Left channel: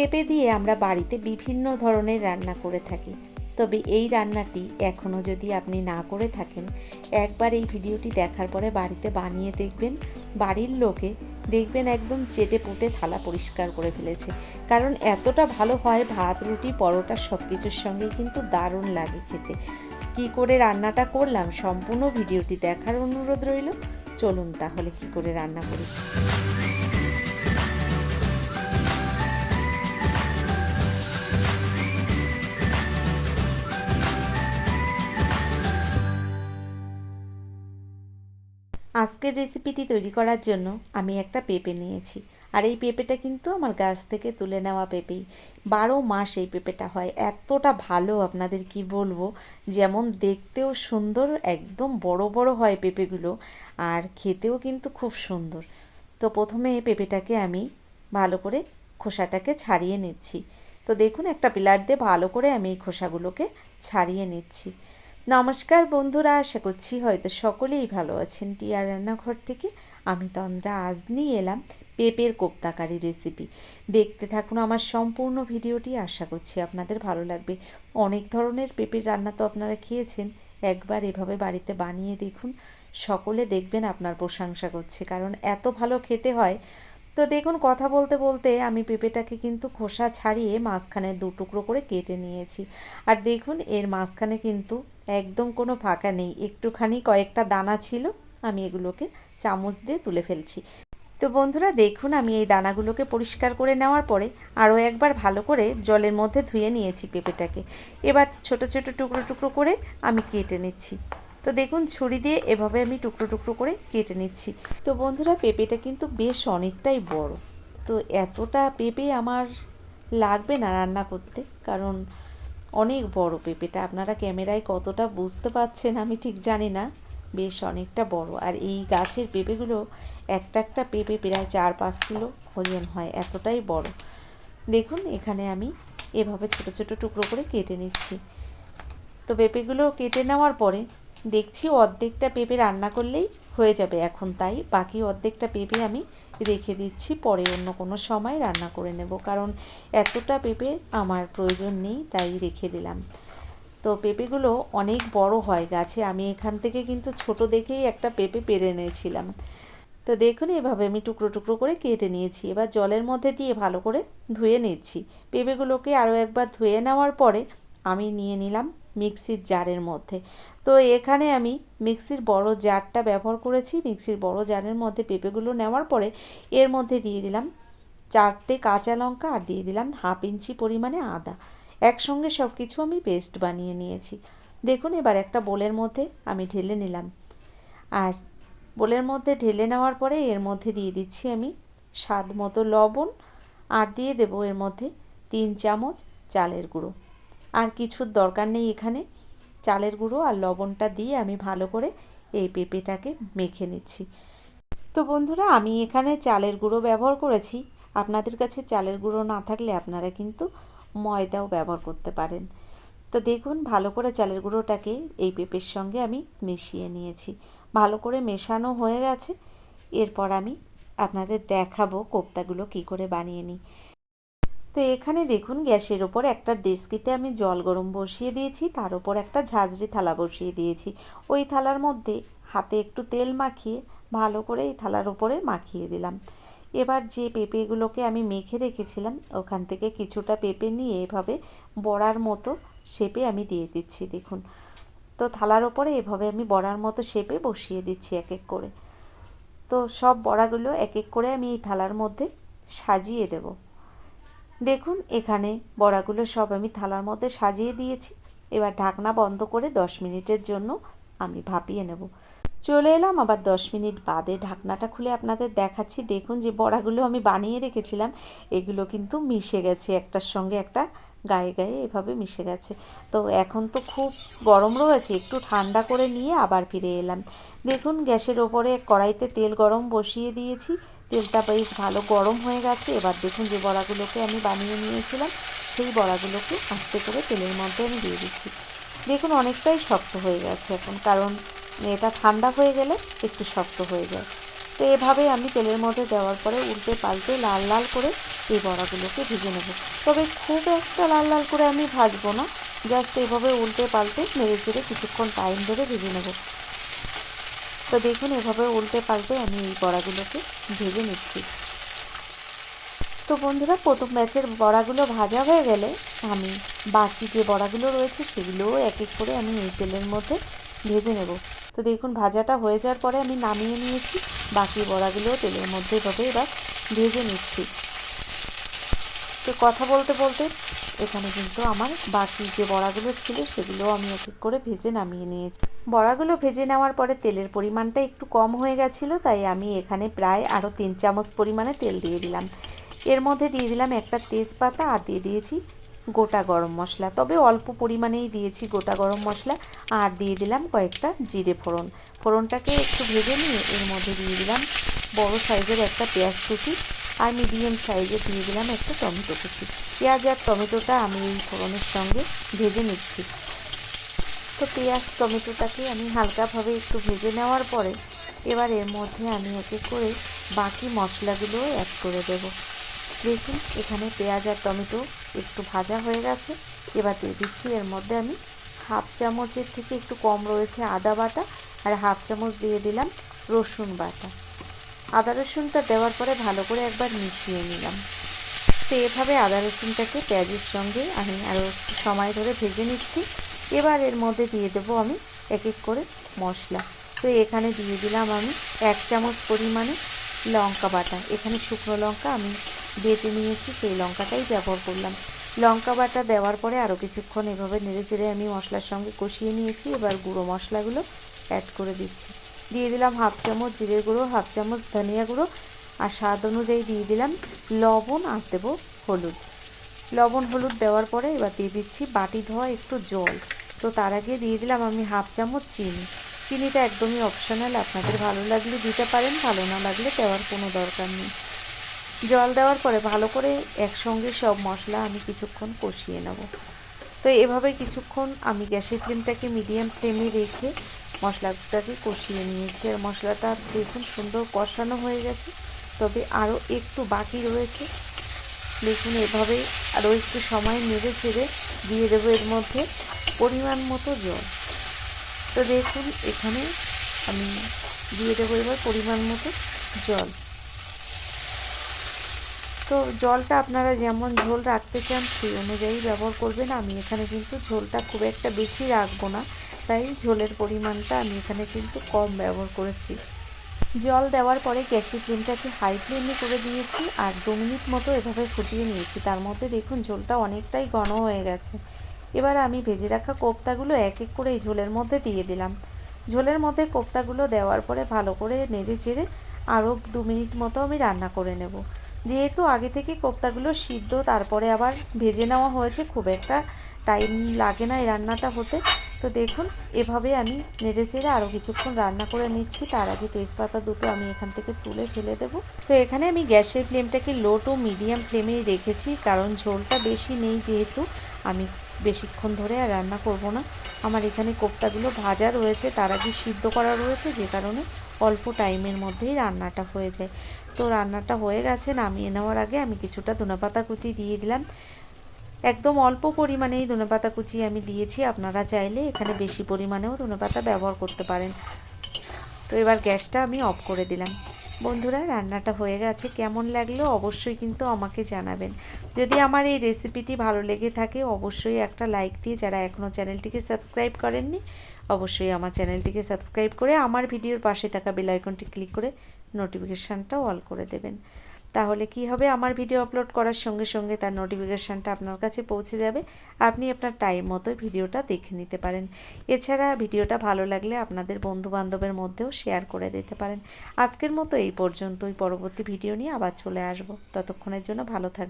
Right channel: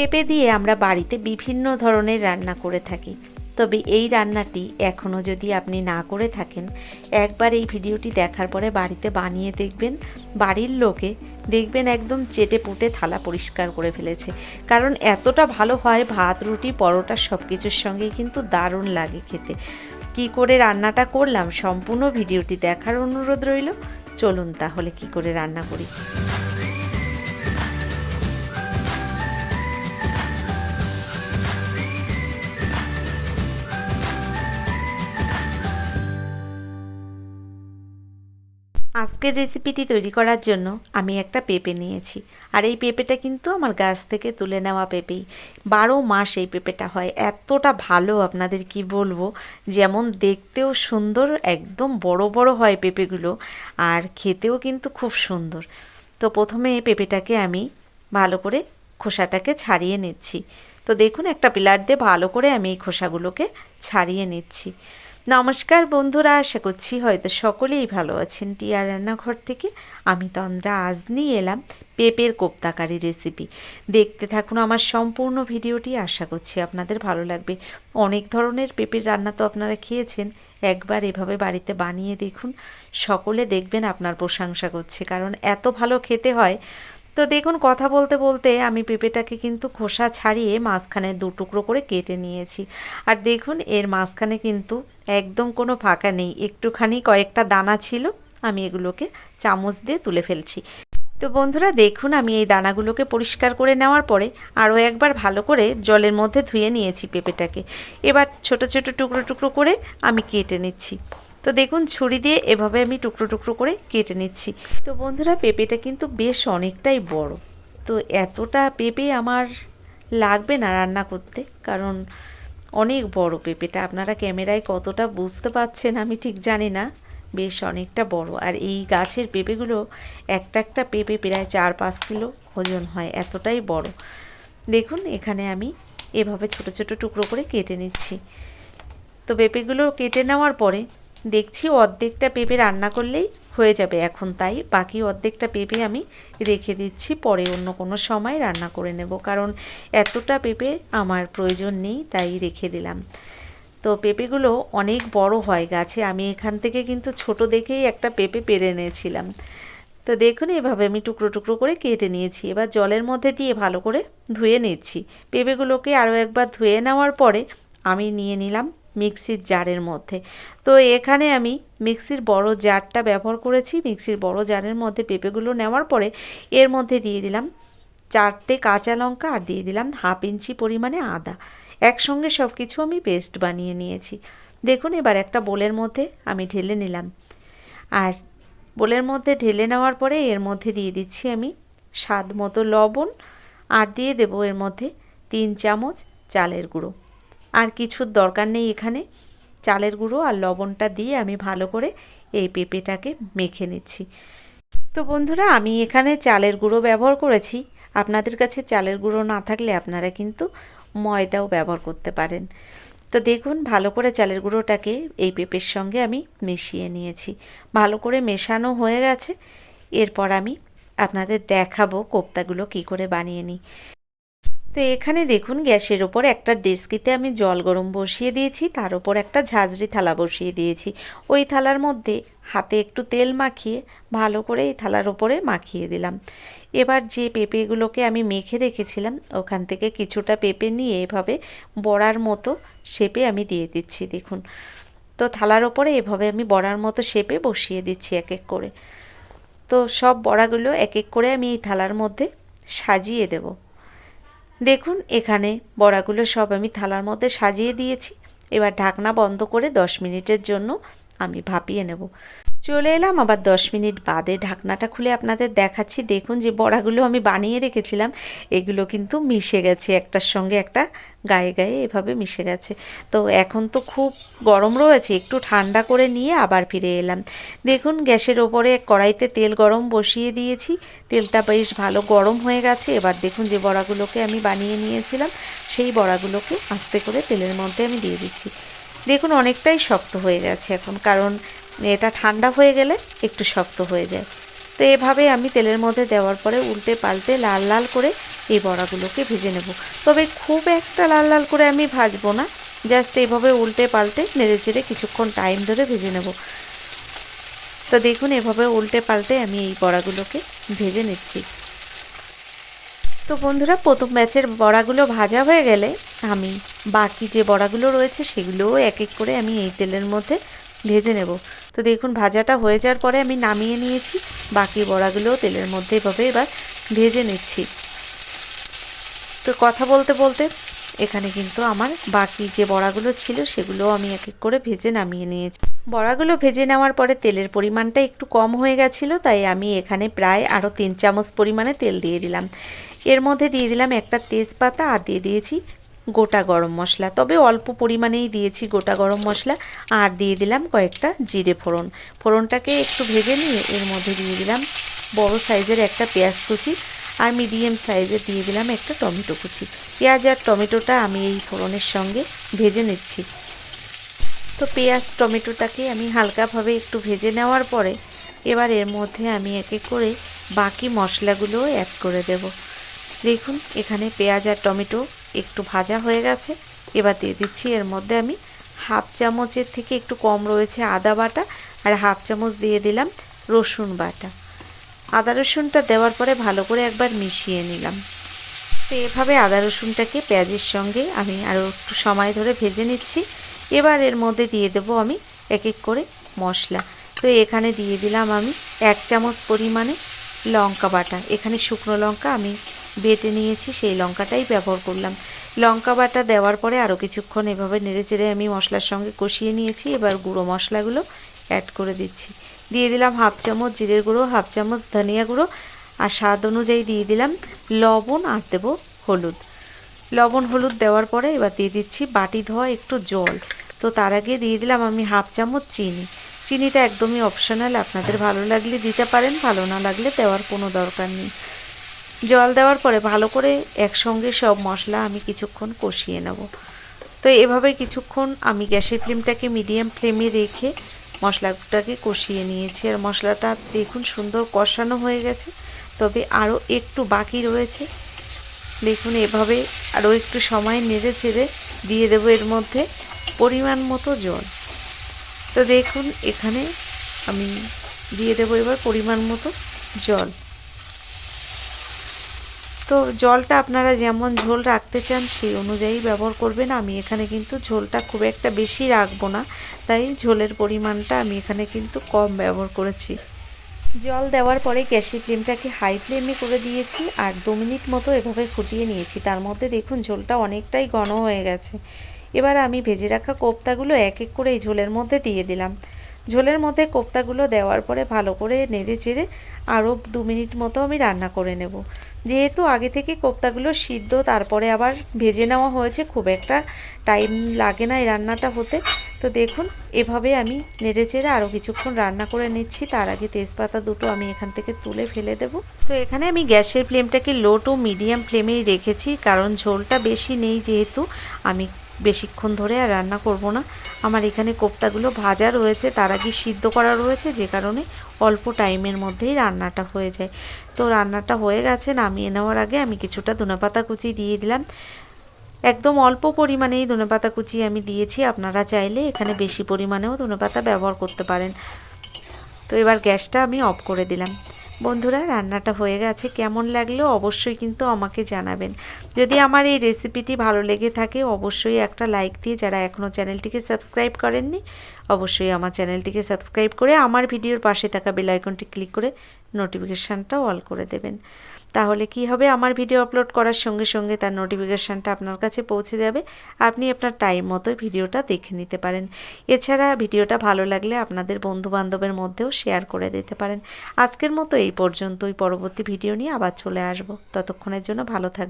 পেঁপে দিয়ে আমরা বাড়িতে বিভিন্ন ধরনের রান্না করে থাকি, তবে এই রান্নাটি এখনও যদি আপনি না করে থাকেন, একবার এই ভিডিওটি দেখার পরে বাড়িতে বানিয়ে দেখবেন। বাড়ির লোকে দেখবেন একদম চেটে পুটে থালা পরিষ্কার করে ফেলেছে, কারণ এতটা ভালো হয়। ভাত, রুটি, পরোটা সব কিছুর সঙ্গে কিন্তু দারুণ লাগে খেতে। কি করে রান্নাটা করলাম সম্পূর্ণ ভিডিওটি দেখার অনুরোধ রইল। চলুন তাহলে কি করে রান্না করি। আজকের রেসিপিটি তৈরি করার জন্য আমি একটা পেঁপে নিয়েছি, আর এই পেঁপেটা কিন্তু আমার গাছ থেকে তুলে নেওয়া পেঁপেই। 12 মাস এই পেঁপেটা হয়, এতটা ভালো আপনাদের কি বলবো। যেমন দেখতেও সুন্দর, একদম বড় বড় হয় পেঁপেগুলো, আর খেতেও কিন্তু খুব সুন্দর। তো প্রথমে এই পেঁপেটাকে আমি ভালো করে খোসাটাকে ছাড়িয়ে নিচ্ছি। তো দেখুন, একটা পিলার দিয়ে ভালো করে আমি এই খোসাগুলোকে ছাড়িয়ে নিচ্ছি। নমস্কার বন্ধুরা, আশা করছি হয়তো সকলেই ভালো আছেন। টিয়া রান্নাঘর থেকে আমি তন্দ্রা আজ নিয়ে এলাম পেঁপের কোপ্তাকারি রেসিপি। দেখতে থাকুন আমার সম্পূর্ণ ভিডিওটি, আশা করছি আপনাদের ভালো লাগবে। অনেক ধরনের পেঁপের রান্না তো আপনারা খেয়েছেন, একবার এভাবে বাড়িতে বানিয়ে দেখুন। সকলে দেখবেন আপনার প্রশংসা করছে, কারণ এত ভালো খেতে হয়। তো দেখুন, কথা বলতে বলতে আমি পেঁপেটাকে কিন্তু খোসা ছাড়িয়ে মাঝখানে 2 টুকরো করে কেটে নিয়েছি। আর দেখুন, এর মাঝখানে কিন্তু একদম কোনো ফাঁকা নেই, একটুখানি কয়েকটা দানা ছিল। আমি এগুলোকে চামচ দিয়ে তুলে ফেলছি। তো বন্ধুরা দেখুন, আমি এই দানাগুলোকে পরিষ্কার করে নেওয়ার পরে আরও একবার ভালো করে জলের মধ্যে ধুয়ে নিয়েছি পেঁপেটাকে। এবার ছোট ছোট টুকরো টুকরো করে আমি কেটে নিচ্ছি। তো দেখুন, ছুরি দিয়ে এভাবে আমি টুকরো টুকরো করে কেটে নিচ্ছি। তো বন্ধুরা, পেঁপেটা কিন্তু বেশ অনেকটাই বড়। তো এতটা পেঁপে আমার লাগবে না রান্না করতে, কারণ অনেক বড় পেঁপেটা। আপনারা ক্যামেরায় কতটা বুঝতে পারছেন আমি ঠিক জানি না, বেশ অনেকটা বড়। আর এই গাছের পেঁপেগুলো একটা একটা পেঁপে প্রায় 4-5 কিলো ওজন হয়, এতটাই বড়। দেখুন, এখানে আমি এভাবে ছোট ছোট টুকরো করে কেটে নিচ্ছি। তো পেঁপেগুলো কেটে নেওয়ার পরে দেখছি অর্ধেকটা পেঁপে রান্না করলেই হয়ে যাবে এখন, তাই বাকি অর্ধেকটা পেঁপে আমি রেখে দিচ্ছি, পরে অন্য কোনো সময় রান্না করে নেব, কারণ এতটা পেঁপে আমার প্রয়োজন নেই, তাই রেখে দিলাম। তো পেঁপেগুলো অনেক বড় হয় গাছে, আমি এখান থেকে কিন্তু ছোট দেখেই একটা পেঁপে পেরে এনেছিলাম। তো দেখুন, এভাবে আমি টুকরো টুকরো করে কেটে নিয়েছি। এবার জলের মধ্যে দিয়ে ভালো করে ধুয়ে নিচ্ছি। পেঁপেগুলোকে আরও একবার ধুয়ে নেওয়ার পরে আমি নিয়ে নিলাম মিক্সির জারের মধ্যে। তো এখানে আমি মিক্সির বড় জারটা ব্যবহার করেছি। মিক্সির বড় জারের মধ্যে পেঁপেগুলো নেওয়ার পরে এর মধ্যে দিয়ে দিলাম 4টে কাঁচা লঙ্কা, আর দিয়ে দিলাম 1/2 ইঞ্চি পরিমাণে আদা। একসঙ্গে সব কিছু আমি পেস্ট বানিয়ে নিয়েছি। দেখুন, এবার একটা বোলের মধ্যে আমি ঢেলে নিলাম। আর বোলের মধ্যে ঢেলে নেওয়ার পরে এর মধ্যে দিয়ে দিচ্ছি আমি স্বাদ মতো লবণ, আর দিয়ে দেবো এর মধ্যে 3 চামচ চালের গুঁড়ো। আর কিছুর দরকার নেই এখানে। চালের গুঁড়ো আর লবণটা দিয়ে আমি ভালো করে এই পেঁপেটাকে মেখে নিচ্ছি। তো বন্ধুরা, আমি এখানে চালের গুঁড়ো ব্যবহার করেছি। আপনাদের কাছে চালের গুঁড়ো না থাকলে আপনারা কিন্তু ময়দাও ব্যবহার করতে পারেন। তো দেখুন, ভালো করে চালের গুঁড়োটাকে এই পেঁপের সঙ্গে আমি মিশিয়ে নিয়েছি। ভালো করে মেশানো হয়ে গেছে। এরপর আমি আপনাদের দেখাবো কোপ্তাগুলো কি করে বানিয়ে নিই। তো এখানে দেখুন, গ্যাসের ওপর একটা ডেচকিতে আমি জল গরম বসিয়ে দিয়েছি, তার উপর একটা ঝাঁঝরি থালা বসিয়ে দিয়েছি। ওই থালার মধ্যে হাতে একটু তেল মাখিয়ে ভালো করে এই থালার ওপরে মাখিয়ে দিলাম। এবার যে পেঁপেগুলোকে আমি মেখে রেখেছিলাম ওখান থেকে কিছুটা পেঁপে নিয়ে এভাবে বড়ার মতো শেপে আমি দিয়ে দিচ্ছি। দেখুন, তো থালার ওপরে এভাবে আমি বড়ার মতো শেপে বসিয়ে দিচ্ছি এক এক করে। তো সব বড়াগুলো এক এক করে আমি এই থালার মধ্যে সাজিয়ে দেব। দেখুন, এখানে বড়াগুলো সব আমি থালার মধ্যে সাজিয়ে দিয়েছি। এবার ঢাকনা বন্ধ করে 10 মিনিটের জন্য আমি ভাপিয়ে নেব। চলে এলাম আবার 10 মিনিট বাদে, ঢাকনাটা খুলে আপনাদের দেখাচ্ছি। দেখুন, যে বড়াগুলো আমি বানিয়ে রেখেছিলাম এগুলো কিন্তু মিশে গেছে, একটার সঙ্গে একটা গায়ে গায়ে এভাবে মিশে গেছে। তো এখন তো খুব গরম রয়েছে, একটু ঠান্ডা করে নিয়ে আবার ফিরে এলাম। দেখুন, গ্যাসের ওপরে কড়াইতে তেল গরম বসিয়ে দিয়েছি। তেলটা বেশ ভালো গরম হয়ে গেছে। এবার দেখুন, যে বড়াগুলোকে আমি বানিয়ে নিয়েছিলাম সেই বড়াগুলোকে আস্তে করে তেলের মধ্যে আমি দিয়ে দিচ্ছি। দেখুন, অনেকটাই শক্ত হয়ে গেছে এখন, কারণ এটা ঠান্ডা হয়ে গেলে একটু শক্ত হয়ে যায়। তো এভাবে আমি তেলের মধ্যে দেওয়ার পরে উল্টে পাল্টে লাল লাল করে এই বড়াগুলোকে ভেজে নেব। তবে খুব একটা লাল লাল করে আমি ভাজবো না, জাস্ট এইভাবে উল্টে পাল্টে নেড়ে চেড়ে কিছুক্ষণ টাইম ধরে ভেজে নেব। তো দেখুন এভাবে উল্টে পাল্টে আমি এই বড়াগুলোকে ভেজে নিচ্ছি। তো বন্ধুরা, প্রথম ব্যাচের বড়াগুলো ভাজা হয়ে গেলে আমি বাকি যে বড়াগুলো রয়েছে সেগুলোও এক এক করে আমি এই তেলের মধ্যে ভেজে নেব। তো দেখুন ভাজাটা হয়ে যাওয়ার পরে আমি নামিয়ে নিয়েছি, বাকি বড়াগুলোও তেলের মধ্যে এভাবে এবার ভেজে নিচ্ছি। তো কথা বলতে বলতে এখানে কিন্তু আমার বাকি যে বড়াগুলো ছিল সেগুলোও আমি এক এক করে ভেজে নামিয়ে নিয়েছি। বড়াগুলো ভেজে নেওয়ার পরে তেলের পরিমাণটা একটু কম হয়ে গেছিলো, তাই আমি এখানে প্রায় আরও 3 চামচ পরিমাণে তেল দিয়ে দিলাম। এর মধ্যে দিয়ে দিলাম একটা তেজপাতা আর দিয়ে দিয়েছি গোটা গরম মশলা, তবে অল্প পরিমাণেই দিয়েছি গোটা গরম মশলা। আর দিয়ে দিলাম কয়েকটা জিরে ফোড়ন। ফোড়নটাকে একটু ভেজে নিয়ে এর মধ্যে দিয়ে দিলাম বড় সাইজের একটা পেঁয়াজ কুচি আর মিডিয়াম সাইজের দিয়ে দিলাম একটা টমেটো কুচি। পেঁয়াজ আর টমেটোটা আমি এই ফোড়নের সঙ্গে ভেজে নিচ্ছি। তো পেঁয়াজ টমেটোটাকে আমি হালকাভাবে একটু ভেজে নেওয়ার পরে এবার এর মধ্যে আমি এক এক করে বাকি মশলাগুলোও অ্যাড করে দেব। দেখুন এখানে পেঁয়াজ আর টমেটো একটু ভাজা হয়ে গেছে। এবার দিয়ে দিচ্ছি এর মধ্যে আমি হাফ চামচের থেকে একটু কম রয়েছে আদা বাটা, আর হাফ চামচ দিয়ে দিলাম রসুন বাটা। আদা রসুনটা দেওয়ার পরে ভালো করে একবার মিশিয়ে নিলাম। তো এভাবে আদা রসুনটাকে পেঁয়াজের সঙ্গে আমি আরও একটু সময় ধরে ভেজে নিচ্ছি। এবার এর মধ্যে দিয়ে দেবো আমি এক এক করে মশলা। তো এখানে দিয়ে দিলাম আমি 1 চামচ পরিমাণে লঙ্কা বাটা। এখানে শুকনো লঙ্কা আমি বেটে নিয়েছি, সেই লঙ্কাটাই ব্যবহার করলাম। লঙ্কা বাটা দেওয়ার পরে আরও কিছুক্ষণ এভাবে নেড়ে চেড়ে আমি মশলার সঙ্গে কষিয়ে নিয়েছি। এবার গুঁড়ো মশলাগুলো অ্যাড করে দিচ্ছি। দিয়ে দিলাম হাফ চামচ জিরের গুঁড়ো, হাফ চামচ ধনিয়া গুঁড়ো, আর স্বাদ অনুযায়ী দিয়ে দিলাম লবণ, আর দেবো হলুদ। লবণ হলুদ দেওয়ার পরে এবার দিয়ে দিচ্ছি বাটি ধোয়া একটু জল। তো তার আগে দিয়ে দিলাম আমি হাফ চামচ চিনি। চিনিটা একদমই অপশনাল, আপনাদের ভালো লাগলে দিতে পারেন, ভালো না লাগলে দেওয়ার কোনো দরকার নেই। জল দেওয়ার পরে ভালো করে একসঙ্গে সব মশলা আমি কিছুক্ষণ কষিয়ে নেব। তো এভাবে কিছুক্ষণ আমি গ্যাসের ফ্লেমটাকে মিডিয়াম ফ্লেমে রেখে মশলাটাকে কষিয়ে নিয়েছি। আর মশলাটা দেখুন সুন্দর কষানো হয়ে গেছে, তবে আরও একটু বাকি রয়েছে। দেখুন এভাবে আরও একটু সময় নেড়ে চেড়ে দিয়ে দেবো এর মধ্যে পরিমাণ মতো জল। তো দেখুন এখানে আমি দিয়ে দেবো এবার পরিমাণ মতো জল। তো জলটা আপনারা যেমন ঝোল রাখতে চান সেই অনুযায়ী ব্যবহার করবেন। আমি এখানে কিন্তু ঝোলটা খুব একটা বেশি রাখবো না, তাই ঝোলের পরিমাণটা আমি এখানে কিন্তু কম ব্যবহার করেছি। জল দেওয়ার পরে গ্যাসের ফ্লেমটাকে হাই ফ্লেমে করে দিয়েছি আর 2 মিনিট মতো এভাবে ফুটিয়ে নিয়েছি। তার মধ্যে দেখুন ঝোলটা অনেকটাই ঘন হয়ে গেছে। এবার আমি ভেজে রাখা কোপ্তাগুলো এক এক করে এই ঝোলের মধ্যে দিয়ে দিলাম। ঝোলের মধ্যে কোপ্তাগুলো দেওয়ার পরে ভালো করে নেড়ে চেড়ে আরও 2 মিনিট মতো আমি রান্না করে নেব। যেহেতু আগে থেকে কোপ্তাগুলো সিদ্ধ তারপরে আবার ভেজে নেওয়া হয়েছে, খুব একটা টাইম লাগে না এই রান্নাটা হতে। তো দেখুন এভাবে আমি নেড়ে চেড়ে আরও কিছুক্ষণ রান্না করে নিচ্ছি। তার আগে তেজপাতা দুটো আমি এখান থেকে তুলে ফেলে দেব। তো এখানে আমি গ্যাসের ফ্লেমটাকে লো টু মিডিয়াম ফ্লেমেই রেখেছি, কারণ ঝোলটা বেশি নেই, যেহেতু আমি বেশিক্ষণ ধরে আর রান্না করব না। আমার এখানে কোপ্তাগুলো ভাজা রয়েছে, তার আগে সিদ্ধ করা রয়েছে, যে কারণে অল্প টাইমের মধ্যেই রান্নাটা হয়ে যায়। তো রান্নাটা হয়ে গেছে, নামিয়ে নেওয়ার আগে আমি কিছুটা ধনেপাতা কুচি দিয়ে দিলাম। একদম অল্প পরিমাণেই ধনেপাতা কুচি আমি দিয়েছি, আপনারা চাইলে এখানে বেশি পরিমাণেও ধনেপাতা ব্যবহার করতে পারেন। তো এবার গ্যাসটা আমি অফ করে দিলাম। বন্ধুরা, রান্নাটা হয়ে গেছে, কেমন লাগলো অবশ্যই কিন্তু আমাকে জানাবেন। যদি আমার এই রেসিপিটি ভালো লেগে থাকে অবশ্যই একটা লাইক দিয়ে, যারা এখনও চ্যানেলটিকে সাবস্ক্রাইব করেননি অবশ্যই আমার চ্যানেলটিকে সাবস্ক্রাইব করে আমার ভিডিওর পাশে থাকা বেল আইকনটি ক্লিক করে নোটিফিকেশানটাও অল করে দেবেন। তাহলে কি হবে, আমার ভিডিও আপলোড করার সঙ্গে সঙ্গে তার নোটিফিকেশানটা আপনার কাছে পৌঁছে যাবে, আপনি আপনার টাইম মতো ভিডিওটা দেখে নিতে পারেন। এছাড়া ভিডিওটা ভালো লাগলে আপনাদের বন্ধুবান্ধবের মধ্যেও শেয়ার করে দিতে পারেন। আজকের মতো এই পর্যন্তই, পরবর্তী ভিডিও নিয়ে আবার চলে আসব। ততক্ষণের জন্য ভালো থাকবেন।